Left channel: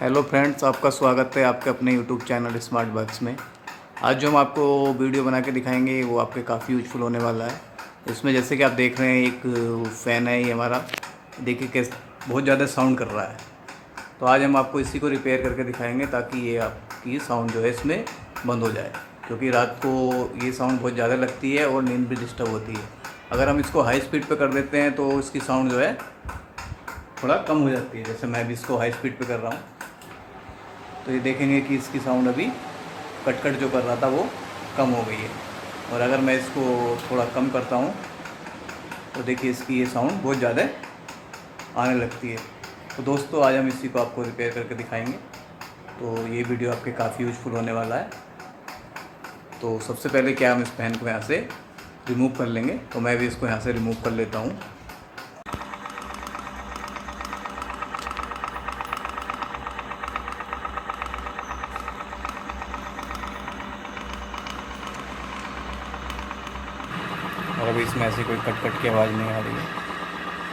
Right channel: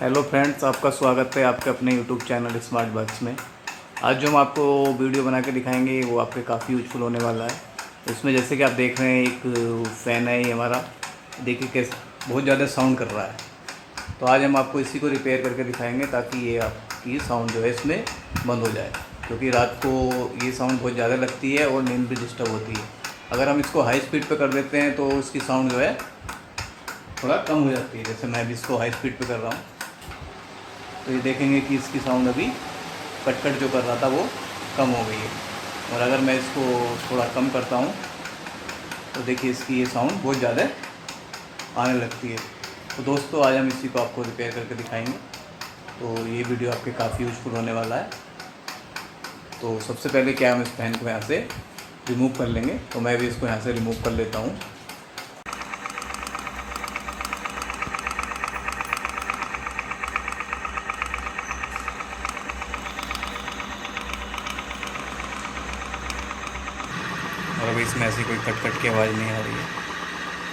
Hello friends, आपका स्वागत है आपके अपने यूट्यूब चैनल स्मार्ट बग्स में। आज जो हम आपको वीडियो बना के दिखाएंगे वो आपके काफ़ी यूजफुल होने वाला है। इसमें जैसे कि आप देख रहे हैं एक फ़ैन है ये हमारा, देखिए कैसे बहुत ज़्यादा साउंड कर रहा है। तो आज हम आपको इसी को रिपेयर करके दिखाएंगे ताकि ये आपकी साउंड जो है इसमें बंद हो जाए, क्योंकि रात को ये साउंड बहुत ज़्यादा लगती है और नींद भी डिस्टर्ब होती है। अगर हम इसको हाई स्पीड पे कर देते हैं तो इसकी साउंड जो है थोड़ा कम हो जाती है। जैसे मैं भी इसको हाई स्पीड पे कर रहा हूँ तो ये देखेंगे कि इसकी साउंड अभी कट जो कर रहा था वो कम हो गई है। और अगर मैं इसको थोड़ा कम करता हूँ तो देखिए इसकी ये साउंड बहुत ज़्यादा आने लगती है। तो दोस्तों आज हम इसी को आपको रिपेयर करके दिखाएंगे। तो ये वीडियो आपके काफ़ी यूजफुल होने वाला है। तो सबसे पहले क्या हम इस फैन को यहाँ से रिमूव कर लेंगे। तो मैं भी इसको यहाँ से रिमूव कर लेता हूँ। और अभी इसमें ऐसी कोई कट की आवाज़ नहीं आ रही है।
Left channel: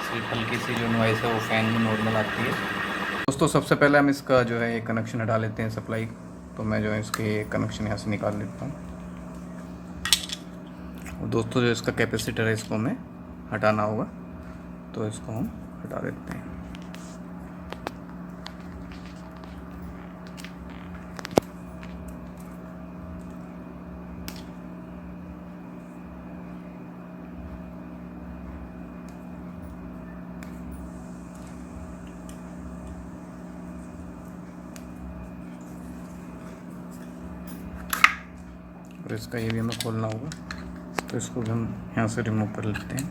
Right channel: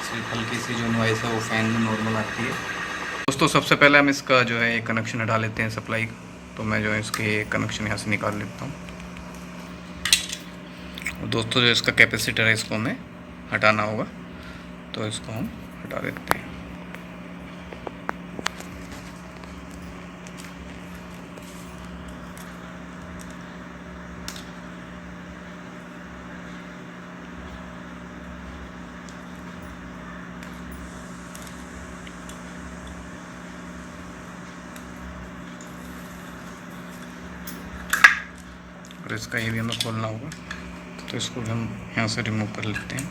सिर्फ हल्की सी जो नॉइस है वो फ़ैन में नॉर्मल आती है। दोस्तों सबसे पहले हम इसका जो है एक कनेक्शन हटा लेते हैं सप्लाई का। तो मैं जो है इसके कनेक्शन यहाँ से निकाल लेता हूँ। और दोस्तों जो इसका कैपेसिटर है इसको हमें हटाना होगा, तो इसको हम हटा देते हैं। और इसका ये भी हमें खोलना होगा, तो इसको भी हम यहाँ से रिमूव कर लेते हैं।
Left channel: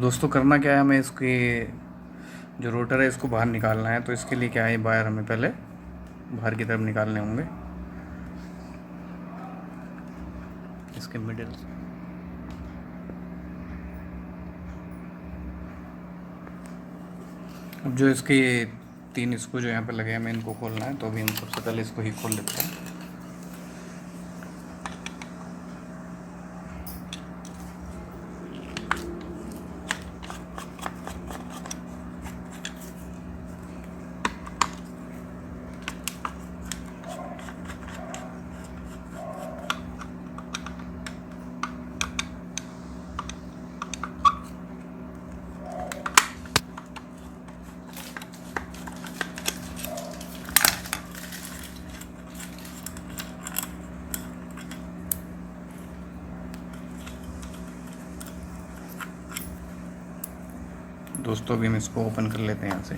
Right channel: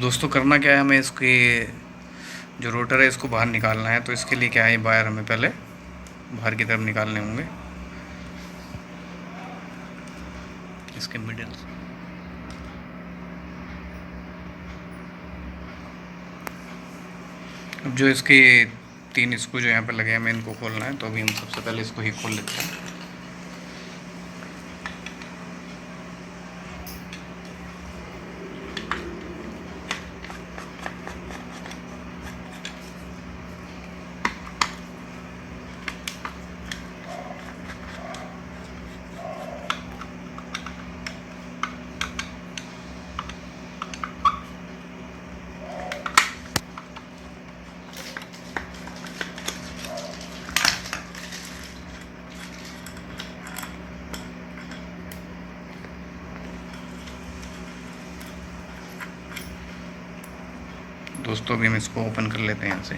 दोस्तों करना क्या है, हमें इसके जो रोटर है इसको बाहर निकालना है। तो इसके लिए क्या है, वायर हमें पहले बाहर की तरफ निकालने होंगे इसके मिडिल से। अब जो इसके 3 स्क्रू जो यहाँ पे लगे हैं हमें इनको खोलना है। तो अभी हम सबसे पहले इसको ही खोल लेते हैं। दोस्तों अभी हम इसको ओपन कर लेते हैं यहाँ से।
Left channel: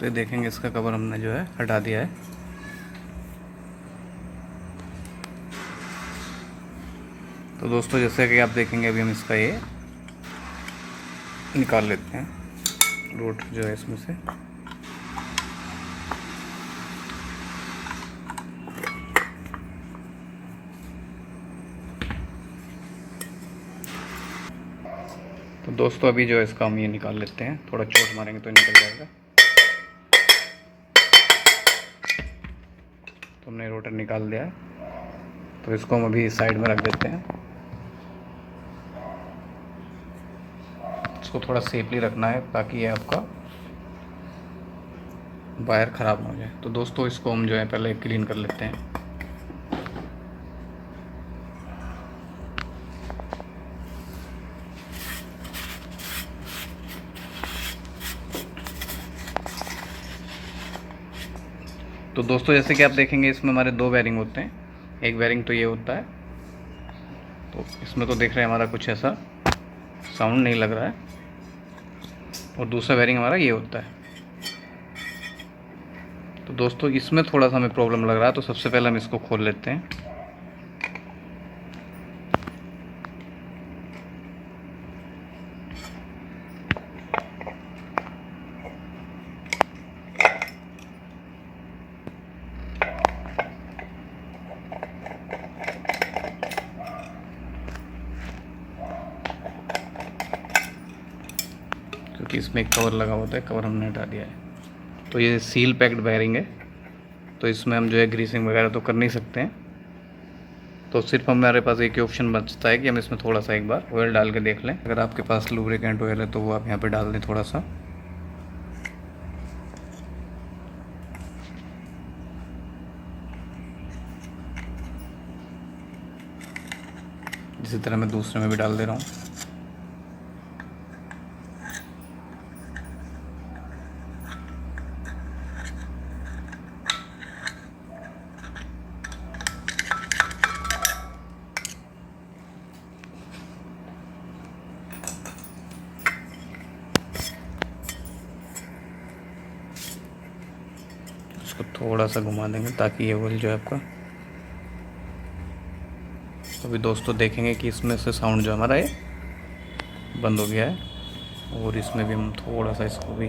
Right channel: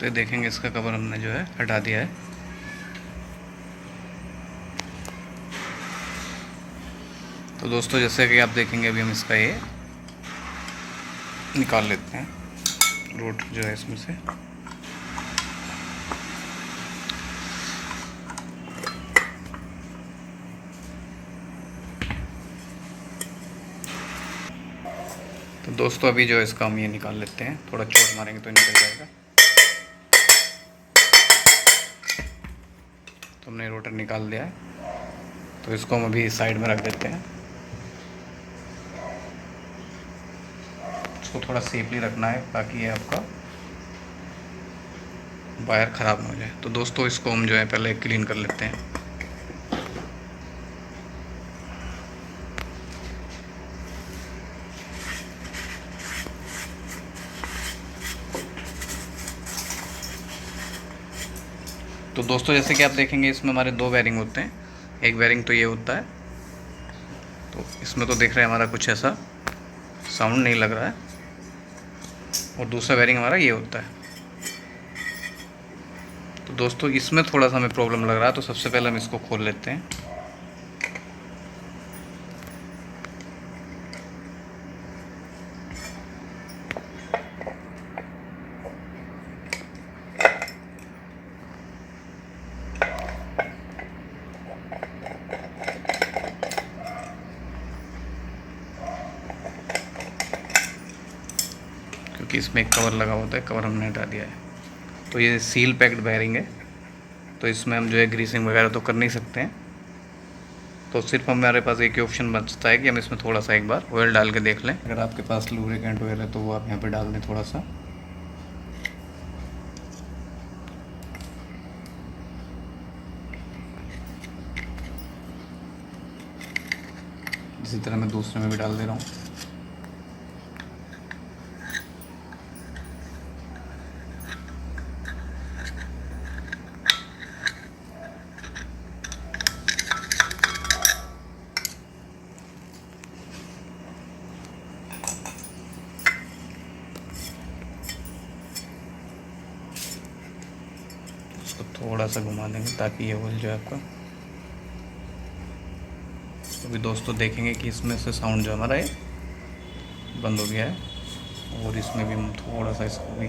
तो देखेंगे इसका कवर हमने जो है हटा दिया है। तो दोस्तों जैसे कि आप देखेंगे अभी हम इसका ये निकाल लेते हैं, रोट जो है इसमें से। तो दोस्तों अभी जो है इसका हम ये निकाल लेते हैं, थोड़ा चोट मारेंगे तो निकल जाएगा। तो हमने रोटर निकाल दिया है, तो इसको हम अभी साइड में रख देते हैं। इसको थोड़ा सेफली रखना है ताकि ये आपका वायर ख़राब ना हो जाए। तो दोस्तों इसको हम जो है पहले क्लीन कर लेते हैं। तो दोस्तों जैसे कि आप देखेंगे इसमें हमारे 2 बेरिंग होते हैं। एक बेरिंग तो ये होता है, तो इसमें तो देख रहे हैं हमारा कुछ ऐसा साउंड नहीं लग रहा है। और दूसरा बेरिंग हमारा ये होता है। तो दोस्तों इसमें थोड़ा सा हमें प्रॉब्लम लग रहा है, तो सबसे पहले हम इसको खोल लेते हैं। क्योंकि इसमें एक कवर लगा होता है, कवर हमने हटा दिया है। तो ये सील पैक्ड बेयरिंग है, तो इसमें हम जो है ग्रीसिंग वगैरह तो कर नहीं सकते हैं। तो सिर्फ हमारे पास एक ही ऑप्शन बचता है कि हम इसमें थोड़ा सा एक बार ऑयल डाल के देख लें। अगर आपके पास लुब्रिकेंट ऑयल है तो वो आप यहाँ पे डाल दें थोड़ा सा। इसी तरह मैं दूसरे में भी डाल दे रहा हूँ। इसको थोड़ा सा घुमा देंगे ताकि ये ऑयल जो है आपका, अभी दोस्तों देखेंगे कि इसमें से साउंड जो हमारा है बंद हो गया है। और इसमें भी हम थोड़ा सा इसको भी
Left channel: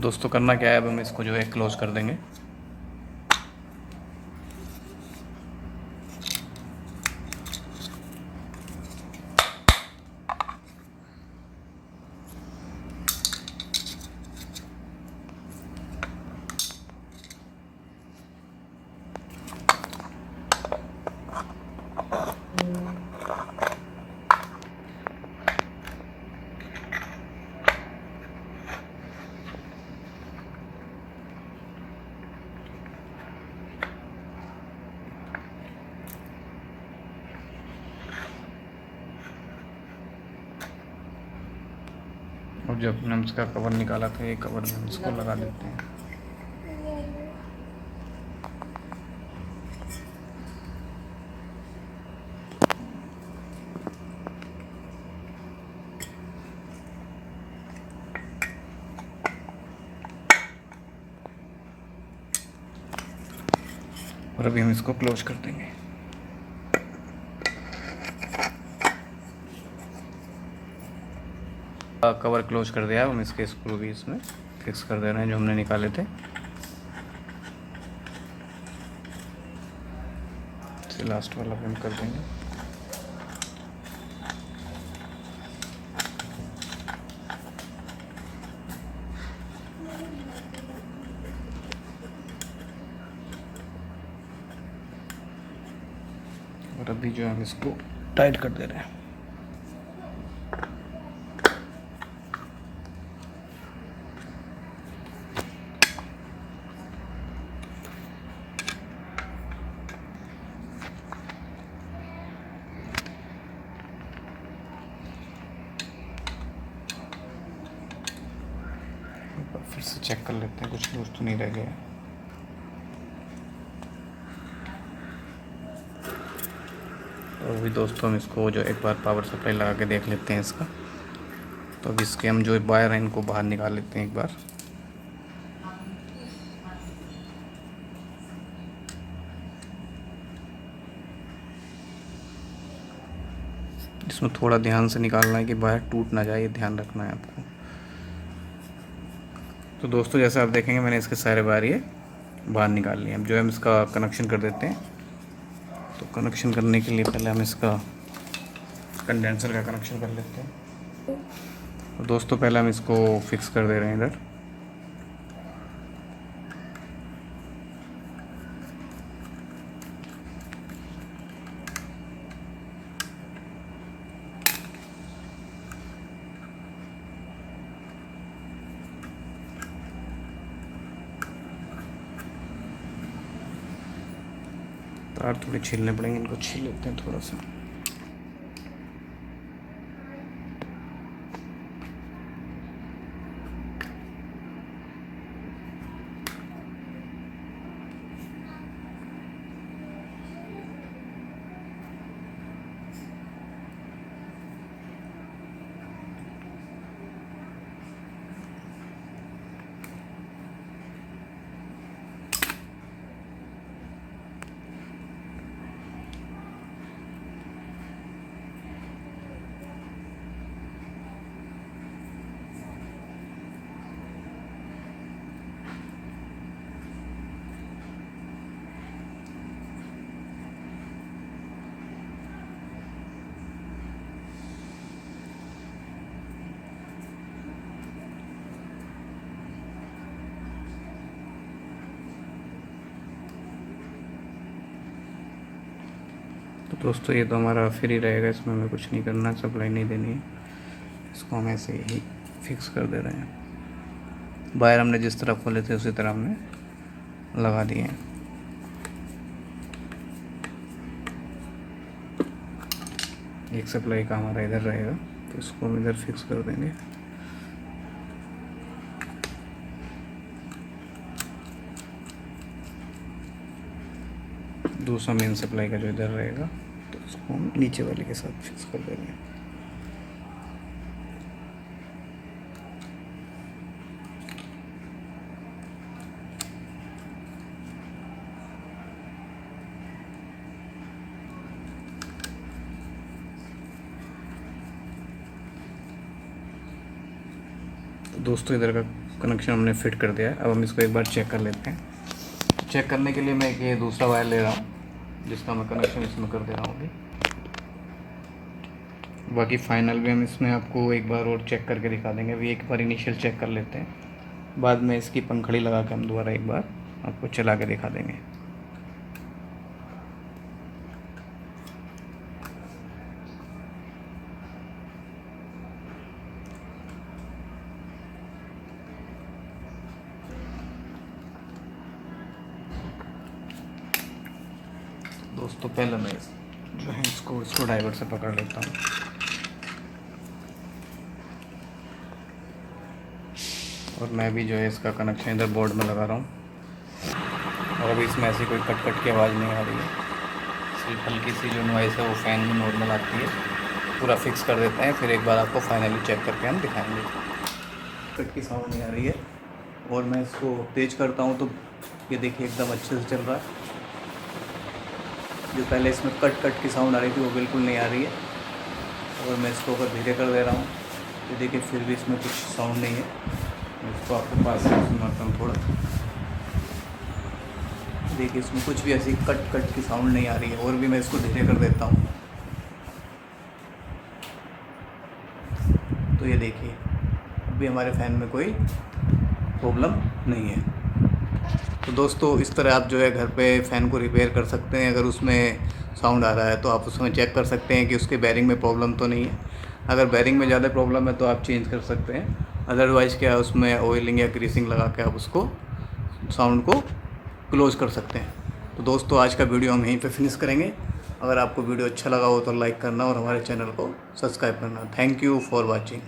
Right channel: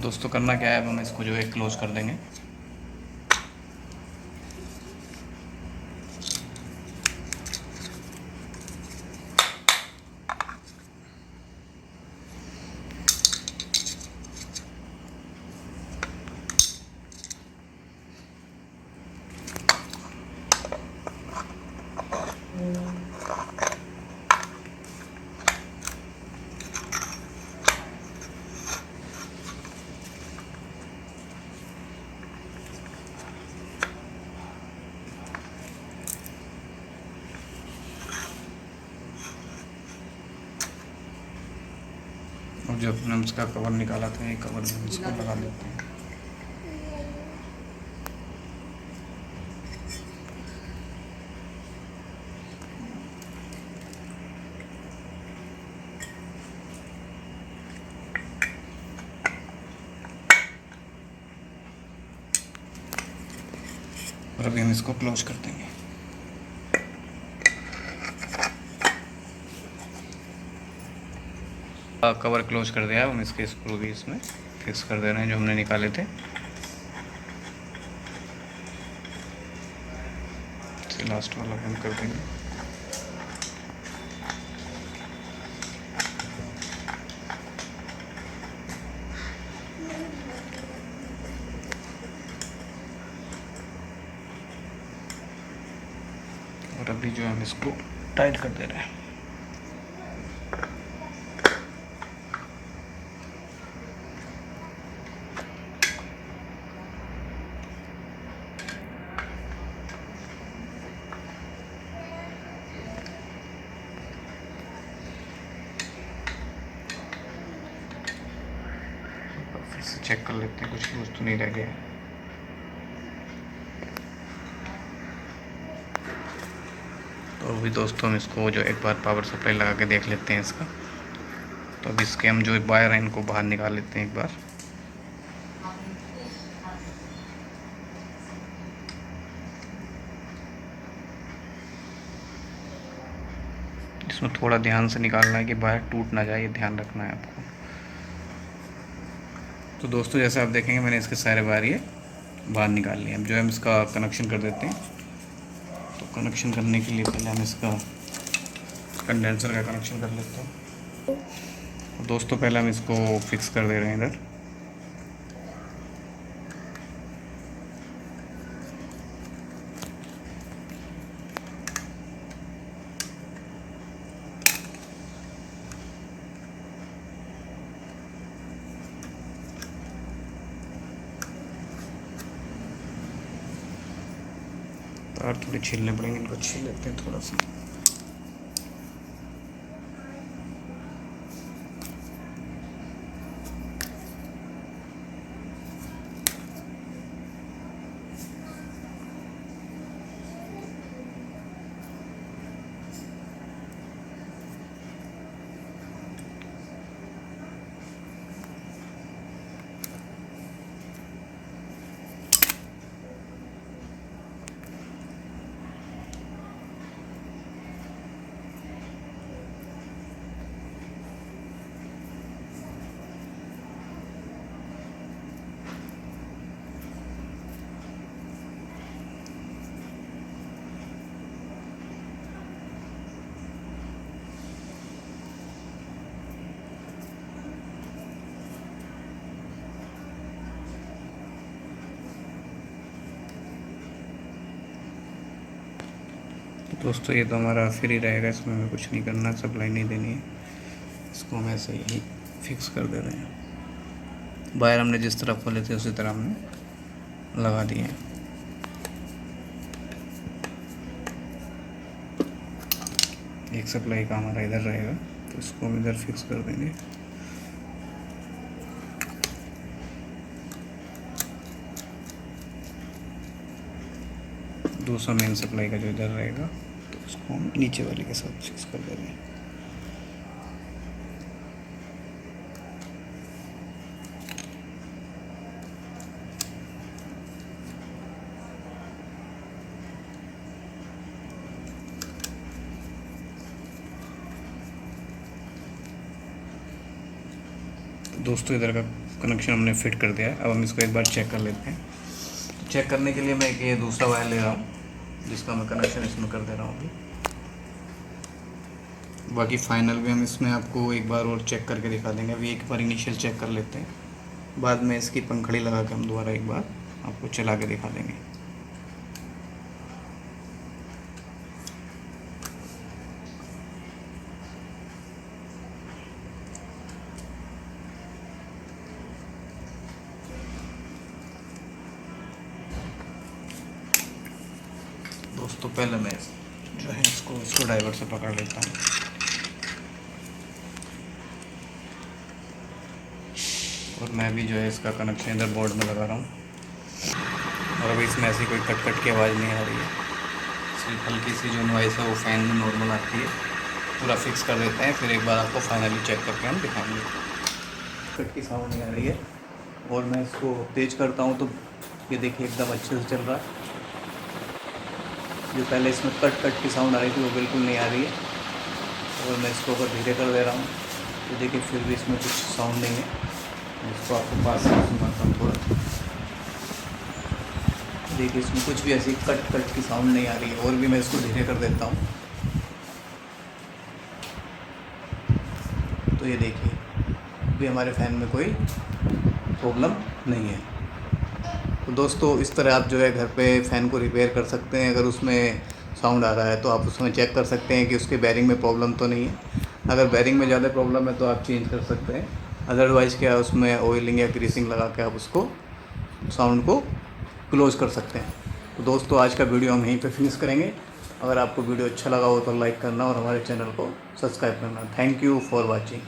दोस्तों करना क्या है, अब हम इसको जो है क्लोज कर देंगे। और जब हमने उसका कवर निकाला था, ये कवर में इसको लगा देते हैं। और अभी हम इसको क्लोज कर देंगे। कवर क्लोज कर दिया है, हम इसके स्क्रू भी इसमें फिक्स कर दे रहे हैं जो हमने निकाले थे। लास्ट वाला बंद कर देंगे। और अभी जो हम इसको टाइट कर दे रहे हैं। फिर से चेक कर लेते हैं, कुछ लूज तो नहीं रह गया। तो अभी दोस्तों हम इसको जो एक बार पावर सप्लाई लगा के देख लेते हैं इसका। तो अब इसके हम जो वायर हैं इनको बाहर निकाल लेते हैं एक बार। इसमें थोड़ा ध्यान से निकालना है कि वायर टूट ना जाए, ध्यान रखना है आपको। तो दोस्तों जैसे आप देखेंगे मैंने इसके सारे वायर ये बाहर निकाल लिए। अब जो है हम इसका कनेक्शन कर देते हैं। तो कनेक्शन करने के लिए पहले हम इसका कंडेंसर का कनेक्शन कर लेते हैं। तो दोस्तों पहले हम इसको फिक्स कर दे रहे हैं इधर। तार थोड़े छीलने पड़ेंगे, इनको छील लेते हैं थोड़ा सा। दोस्तों ये तो हमारा फ्री रहेगा, इसमें हमें कुछ नहीं करना, सप्लाई नहीं देनी है। इसको हम ऐसे ही फिक्स कर दे रहे हैं। वायर हमने जिस तरह खोले थे उसी तरह हमने लगा दिए हैं। एक सप्लाई का हमारा इधर रहेगा, तो इसको हम इधर फिक्स कर देंगे। दूसरा मेन सप्लाई का जो इधर रहेगा, तो उसको हम नीचे वाले के साथ फिक्स कर देंगे। दोस्तों इधर का कनेक्शन हमने फिट कर दिया है। अब हम इसको एक बार चेक कर लेते हैं। चेक करने के लिए मैं ये दूसरा वायर ले रहा हूँ, जिसका मैं कनेक्शन इसमें कर दे रहा हूँ अभी। बाकी फाइनल भी हम इसमें आपको एक बार और चेक करके दिखा देंगे। अभी एक बार इनिशियल चेक कर लेते हैं, बाद में इसकी पंखड़ी लगा के हम दोबारा एक बार आपको चला के दिखा देंगे। दोस्तों पहले मैं जो है इसको स्क्रू ड्राइवर से पकड़ लेता हूँ, और मैं भी जो है इसका कनेक्शन इधर बोर्ड में लगा रहा हूँ। और अभी इसमें ऐसी कोई कट कट की आवाज़ नहीं आ रही है, सिर्फ हल्की सी जो नॉइस है वो फ़ैन में नॉर्मल आती है। पूरा फिक्स कर देते हैं, फिर एक बार आपको फाइनली चेक करके हम दिखाएंगे। कट की साउंड नहीं आ रही है, और मैं इसको तेज करता हूँ तो ये देखिए एकदम अच्छे से चल रहा है। जो पहले इसमें कट कट की साउंड आ रही थी वो बिल्कुल नहीं आ रही है। और मैं इसको अगर धीरे कर दे रहा हूँ तो देखिए फिर भी इसमें कुछ साउंड नहीं है। मैं इसको आपको पास से सुनाता हूँ थोड़ा। देखिए इसमें कुछ भी ऐसी कट कट की साउंड नहीं आ रही है। और भी मैं इसको धीरे कर देता हूँ तो ये देखिए अभी हमारे फ़ैन में कोई प्रॉब्लम नहीं है। तो दोस्तों इस तरह आप जो है घर पे फ़ैन को रिपेयर कर सकते हैं। अगर उसमें साउंड आ रहा है तो आप उसमें चेक कर सकते हैं कि उसके बेयरिंग में प्रॉब्लम तो नहीं है। अगर बेयरिंग में ज़्यादा प्रॉब्लम है तो आप चेंज कर सकते हैं, अदरवाइज़ क्या है उसमें ऑयलिंग या ग्रीसिंग लगा के आप उसको साउंड को क्लोज़ कर सकते हैं। तो दोस्तों आज का वीडियो हम यहीं पे फिनिश करेंगे। अगर आपको वीडियो अच्छा लगा हो तो लाइक करना और हमारे चैनल को सब्सक्राइब करना। Thank you for watching.